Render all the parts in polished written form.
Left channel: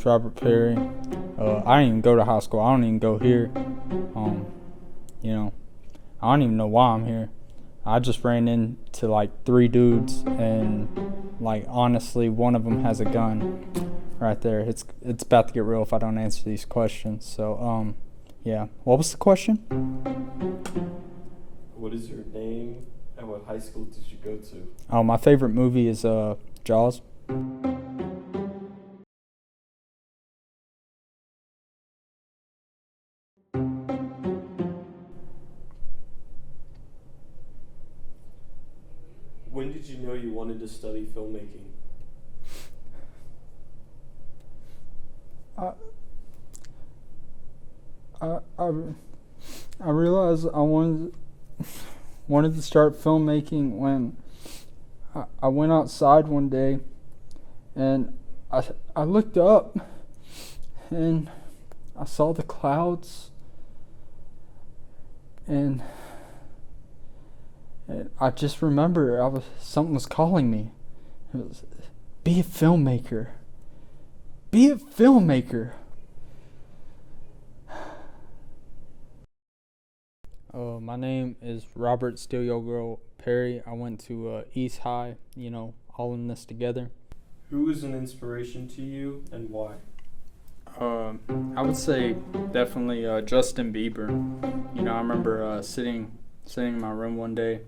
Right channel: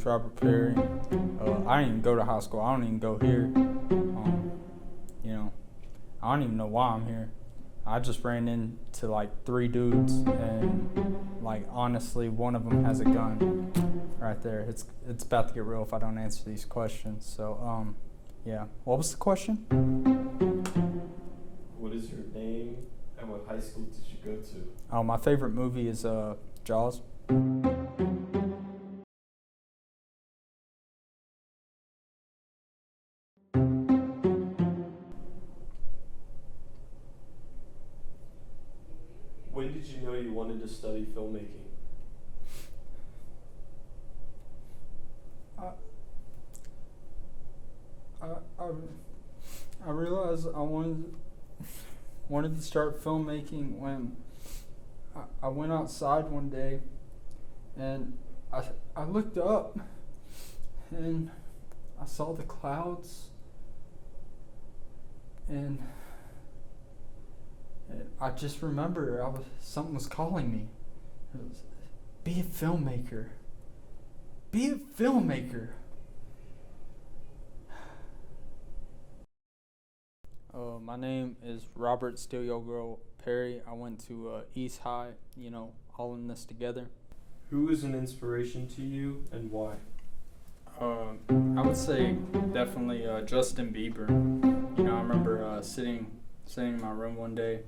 name's Robert Perry. I didn't even go to high school. I don't even go here. You know, I don't even know why I'm here. I just ran into like 3 dudes, and like honestly, one of them has a gun right there. It's about to get real if I don't answer these questions. So yeah. What was the question? What is your name and what high school did you go to? Oh, my favorite movie is Jaws. When did you know you wanted to study filmmaking? I I I, I realized I wanted to start filmmaking when I went outside one day, and I looked up and I saw the clouds, and I just remember something was calling me. It was, be a filmmaker. Be a filmmaker. My name is Robert Steal Your Girl Perry. I went to East High, all in this together. Who is an inspiration to you and why? I would say definitely Justin Bieber. I remember sitting in my room one day,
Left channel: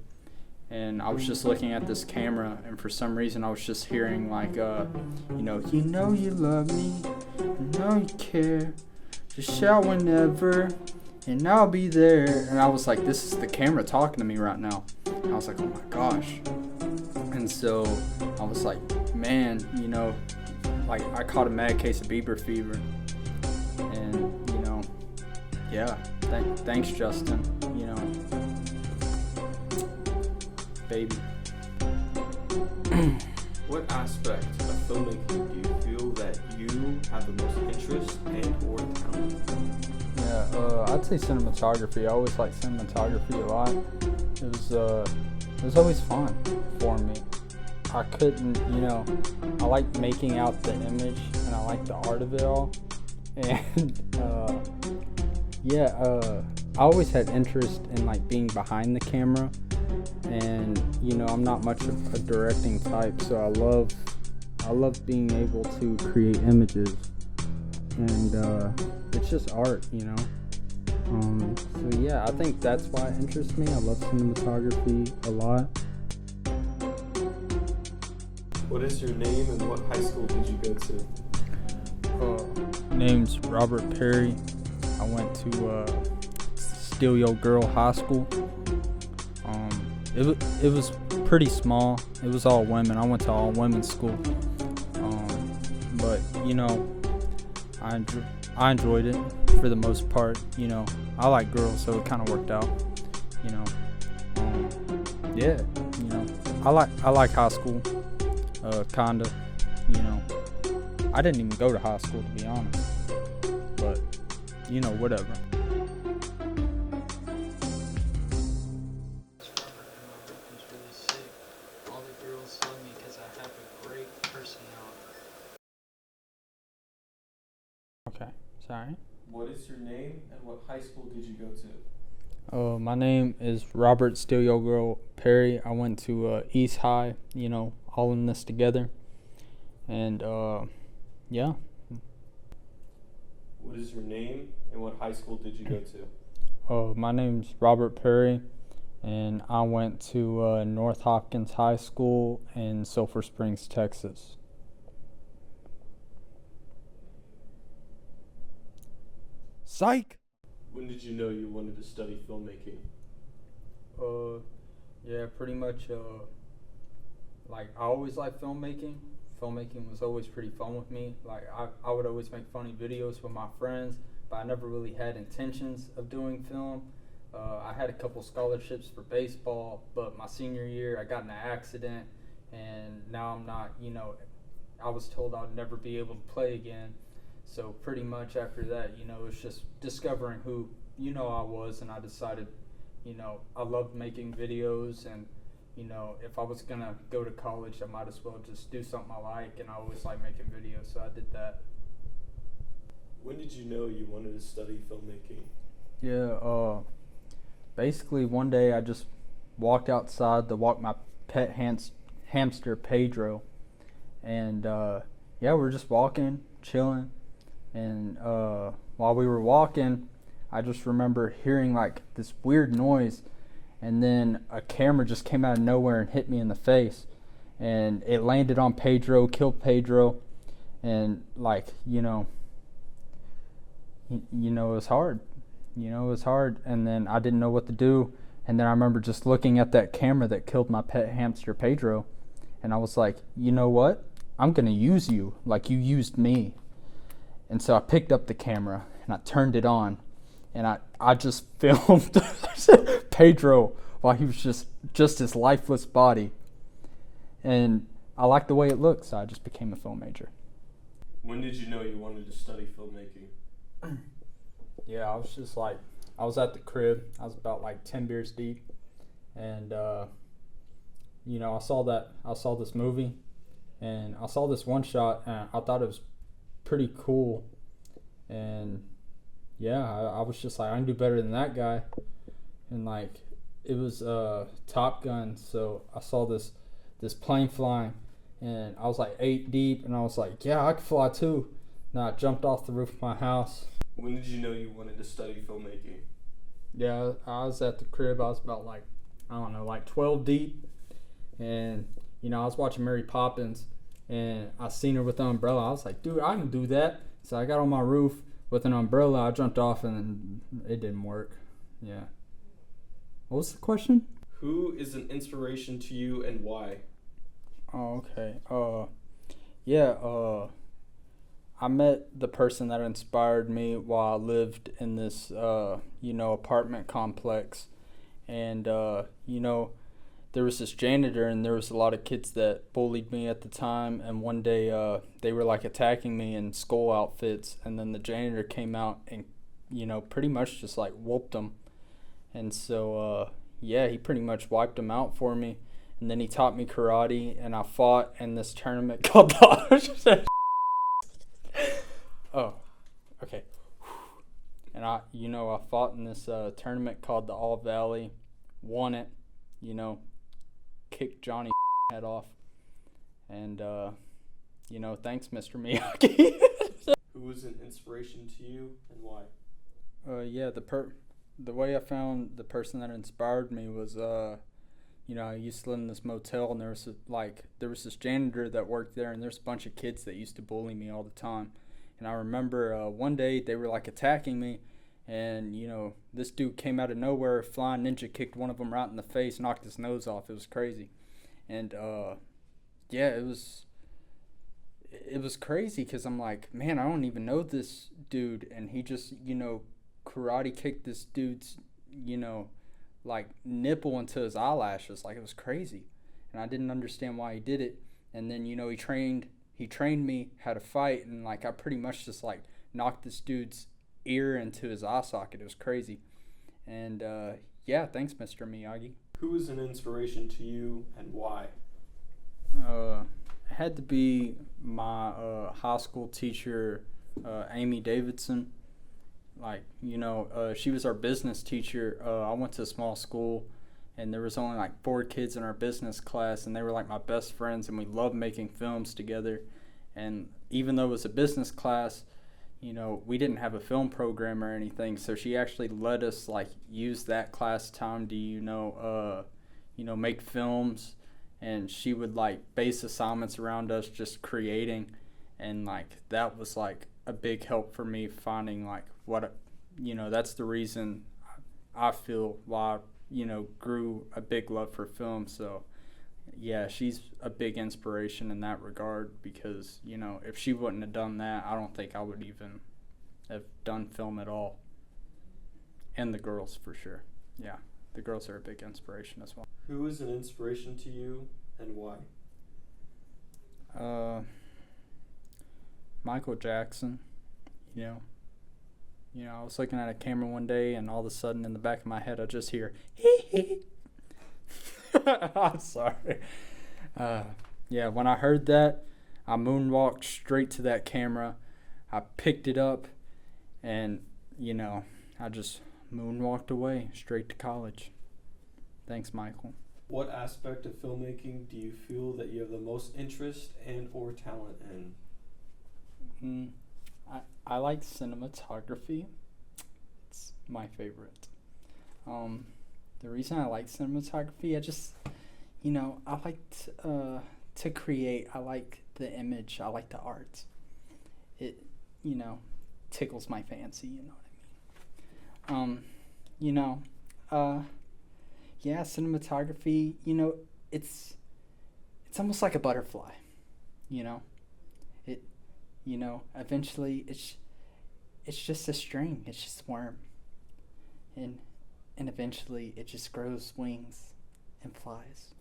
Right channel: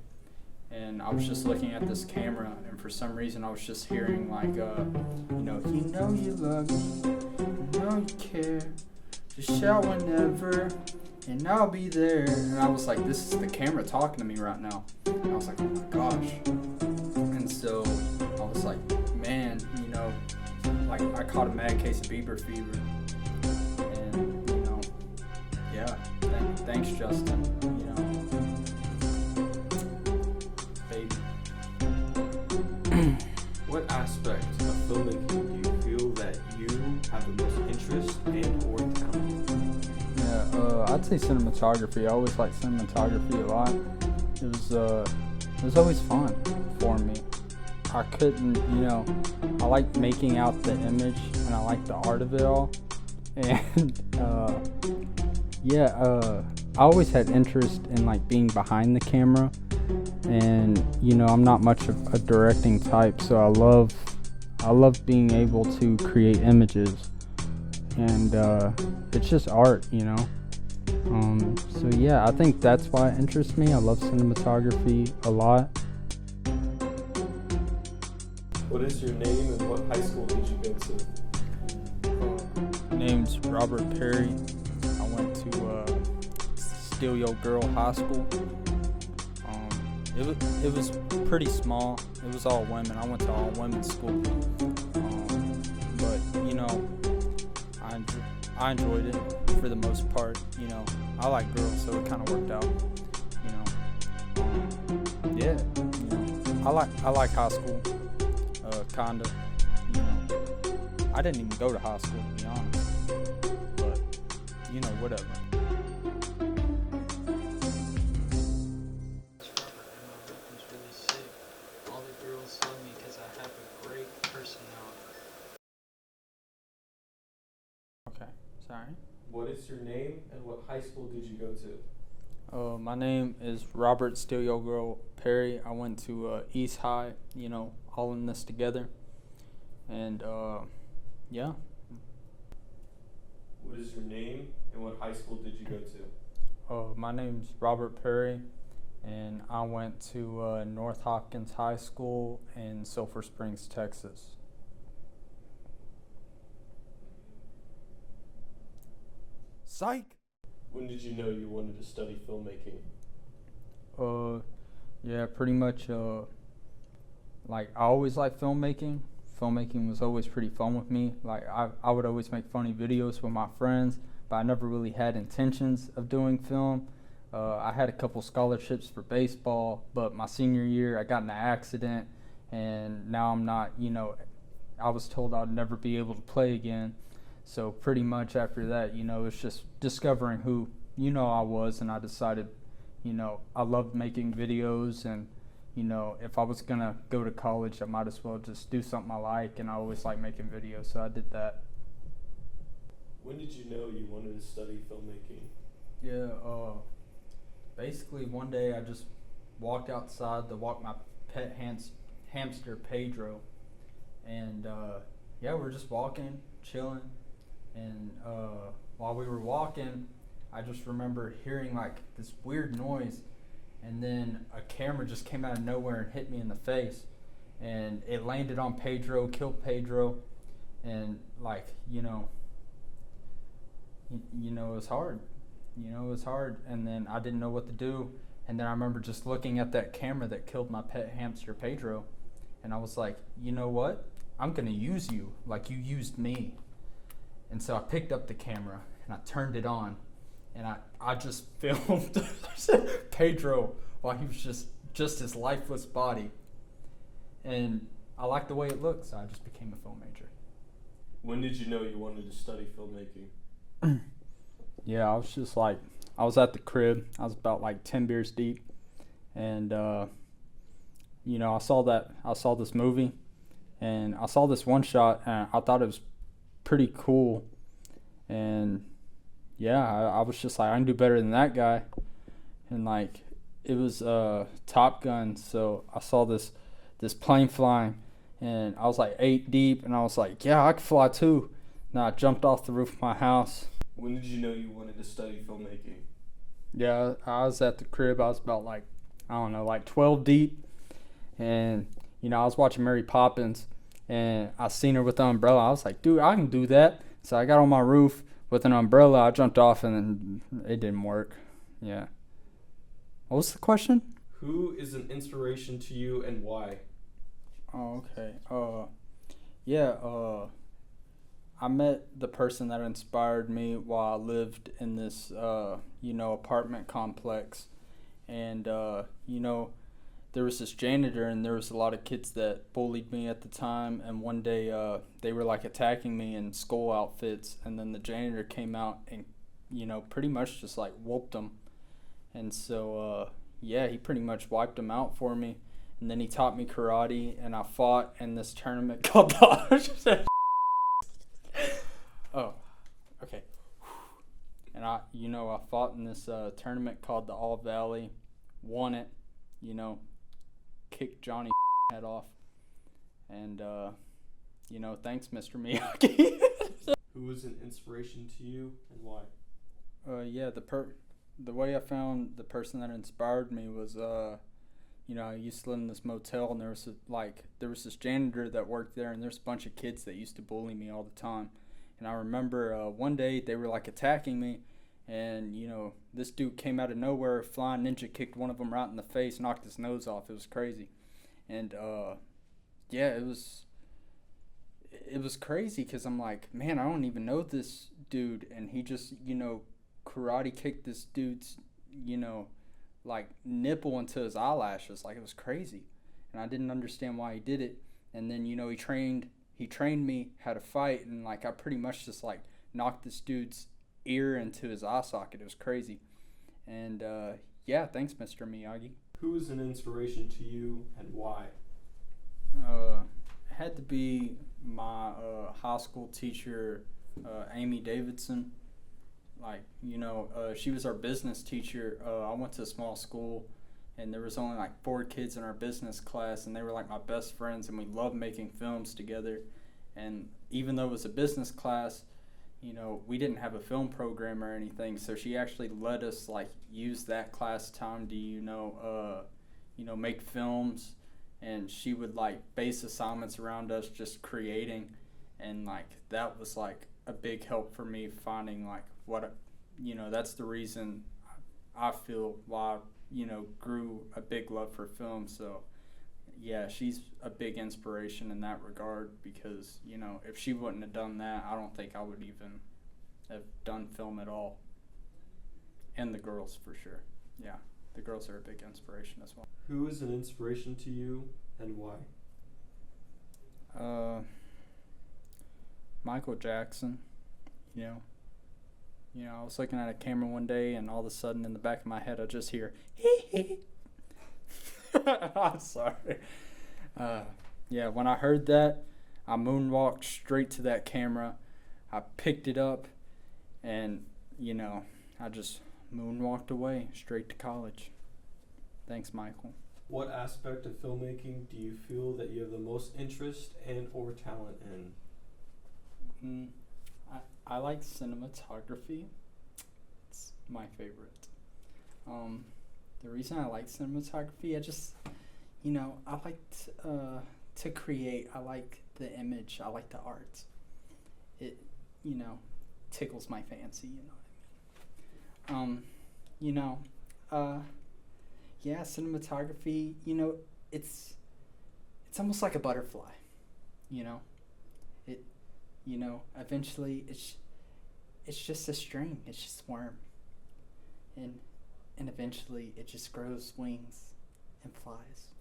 and I was just looking at this camera, and for some reason I was just hearing like, you know you love me, you know you care, just shout whenever, and I'll be there. And I was like, this is the camera talking to me right now. And I was like, oh my gosh. And so I was like, man, like I caught a mad case of Bieber fever. And, yeah, thanks Justin, baby. What aspect of filmmaking do you feel that you have the most interest and or talent? Yeah, I'd say cinematography. I always liked cinematography a lot. It was always fun for me. I couldn't, I like making out the image, and I like the art of it all. And I always had interest in like being behind the camera, and I'm not much of a directing type, so I love being able to create images, and it's just art. So yeah, I think that's why it interests me. I love cinematography a lot. What is your name and what high school did you go to? Name's Robert Perry. I went to Steal Your Girl High School. It was pretty small. It was all women. I went to all women's school. But I enjoyed it for the most part. I like girls, so it kind of worked out. Yeah. I like high school. Kinda. I didn't even go to high school, to be honest. But whatever. It's really sick. All the girls love me because I have a great personality. Okay. Sorry. What is your name and what high school did you go to? My name is Robert Steal Your Girl Perry. I went to East High, all in this together. And yeah. What is your name and what high school did you go to? My name's Robert Perry, and I went to North Hopkins High School in Sulphur Springs, Texas. Psych! When did you know you wanted to study filmmaking? Yeah, pretty much, like, I always liked filmmaking. Filmmaking was always pretty fun with me. Like, I would always make funny videos with my friends, but I never really had intentions of doing film. I had a couple scholarships for baseball, but my senior year I got in an accident, and now I'm not, I was told I'd never be able to play again. So pretty much after that, it's just discovering who, I was, and I decided, I loved making videos, and, if I was gonna go to college, I might as well just do something I like, and I always like making videos, so I did that. When did you know you wanted to study filmmaking? Yeah, basically one day I just walked outside to walk my pet hamster Pedro, and yeah, we're just walking, chilling, and while we were walking, I just remember hearing like this weird noise, and then a camera just came out of nowhere and hit me in the face, and it landed on Pedro, killed Pedro, and like it was hard. It was hard, and then I didn't know what to do. And then I remember just looking at that camera that killed my pet hamster Pedro, and I was like, you know what? I'm gonna use you like you used me. And so I picked up the camera and I turned it on, and I just filmed Pedro while he was just his lifeless body. And I liked the way it looked, so I just became a film major. When did you know you wanted to study filmmaking? Yeah, I was at the crib. I was about like 10 beers deep, and I saw this movie, and I saw this one shot, and I thought it was pretty cool, and yeah, I was just like, I can do better than that guy, and like it was Top Gun, so I saw this plane flying, and I was like 8 deep, and I was like, yeah, I could fly too. And I jumped off the roof of my house. When did you know you wanted to study filmmaking? Yeah, I was at the crib. I was about like, I don't know, like 12 deep. And, I was watching Mary Poppins, and I seen her with the umbrella. I was like, dude, I can do that. So I got on my roof with an umbrella. I jumped off, and it didn't work. Yeah. What was the question? Who is an inspiration to you and why? Oh, okay. I met the person that inspired me while I lived in this, apartment complex. And, there was this janitor, and there was a lot of kids that bullied me at the time. And one day they were, like, attacking me in school outfits. And then the janitor came out and, pretty much just, like, whooped them. And so, he pretty much wiped them out for me. And then he taught me karate, and I fought in this tournament called the... Oh, okay. And I fought in this tournament called the All Valley, won it, kicked Johnny head off, and thanks, Mr. Miyagi. Who was an inspiration to you and why? The way I found the person that inspired me was I used to live in this motel, and there was this janitor that worked there, and there's a bunch of kids that used to bully me all the time. And I remember one day they were like attacking me, and this dude came out of nowhere, flying ninja kicked one of them right in the face, knocked his nose off. It was crazy, and it was crazy because I'm like, man, I don't even know this dude, and he just karate kicked this dude's like nipple into his eyelashes. Like, it was crazy, and I didn't understand why he did it. And then he trained me how to fight, and like I pretty much just like knocked this dude's ear into his eye socket. It was crazy. And thanks, Mr. Miyagi. Who is an inspiration to you and why? It had to be my high school teacher, Amy Davidson. Like, she was our business teacher. I went to a small school, and there was only like 4 kids in our business class, and they were like my best friends, and we loved making films together. And even though it was a business class, we didn't have a film program or anything, so she actually let us like use that class time to make films, and she would like base assignments around us just creating, and like that was like a big help for me finding like what that's the reason I feel why grew a big love for film. So yeah, she's a big inspiration in that regard, because if she wouldn't have done that, I don't think I would even have done film at all. And the girls, for sure. Yeah, the girls are a big inspiration as well. Who is an inspiration to you and why? Michael Jackson. I was looking at a camera one day, and all of a sudden in the back of my head I just hear hee hee. I'm sorry. When I heard that, I moonwalked straight to that camera. I picked it up, And, you know, I just moonwalked away straight to college. Thanks, Michael. What aspect of filmmaking do you feel that you have the most interest and or talent in? I like cinematography. It's my favorite. The reason I like cinematography, I like to create. I like the image. I like the art. It, tickles my fancy. You know what I mean? You know, yeah, cinematography. It's almost like a butterfly. You know, it. Eventually it's just a string. It's just a worm, and eventually it just grows wings and flies.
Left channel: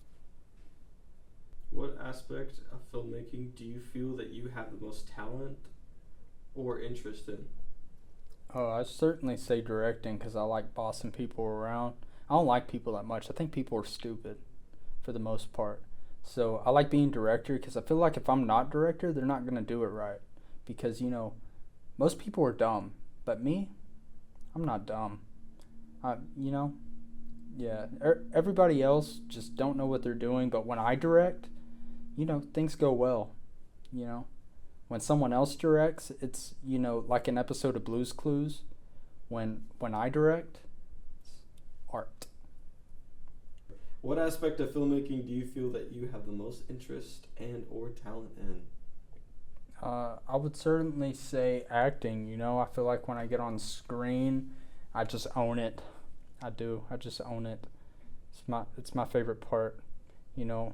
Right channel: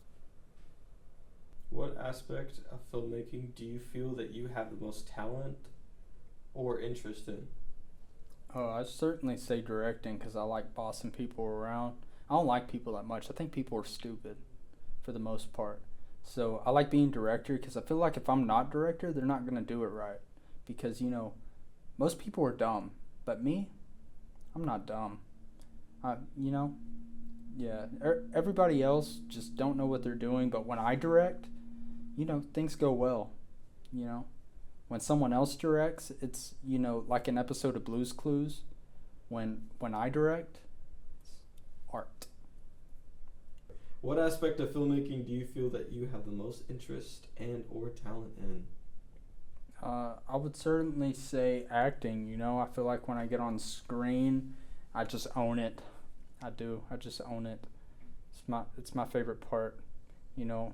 What aspect of filmmaking do you feel that you have the most talent or interest in? Oh, I certainly say directing because I like bossing people around. I don't like people that much. I think people are stupid for the most part. So I like being director because I feel like if I'm not director, they're not gonna do it right. Because most people are dumb, but me, I'm not dumb. I, you know, yeah. Everybody else just don't know what they're doing. But when I direct, things go well. You know, when someone else directs, it's like an episode of Blue's Clues. When I direct, it's art. What aspect of filmmaking do you feel that you have the most interest and or talent in? I would certainly say acting. I feel like when I get on screen, I just own it. I do. I just own it. It's my favorite part. You know,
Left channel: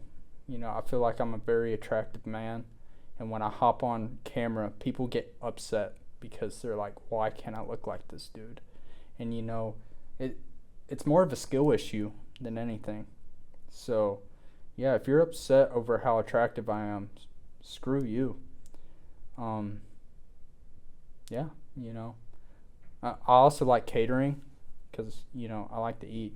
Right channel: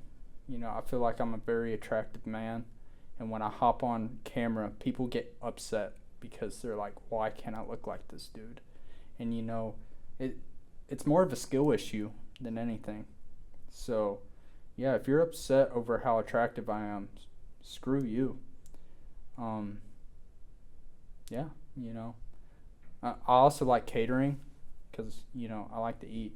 I feel like I'm a very attractive man, and when I hop on camera, people get upset because they're like, "Why can't I look like this dude?" And it's more of a skill issue than anything. So, yeah, if you're upset over how attractive I am, screw you. Um, yeah, I also like catering because I like to eat.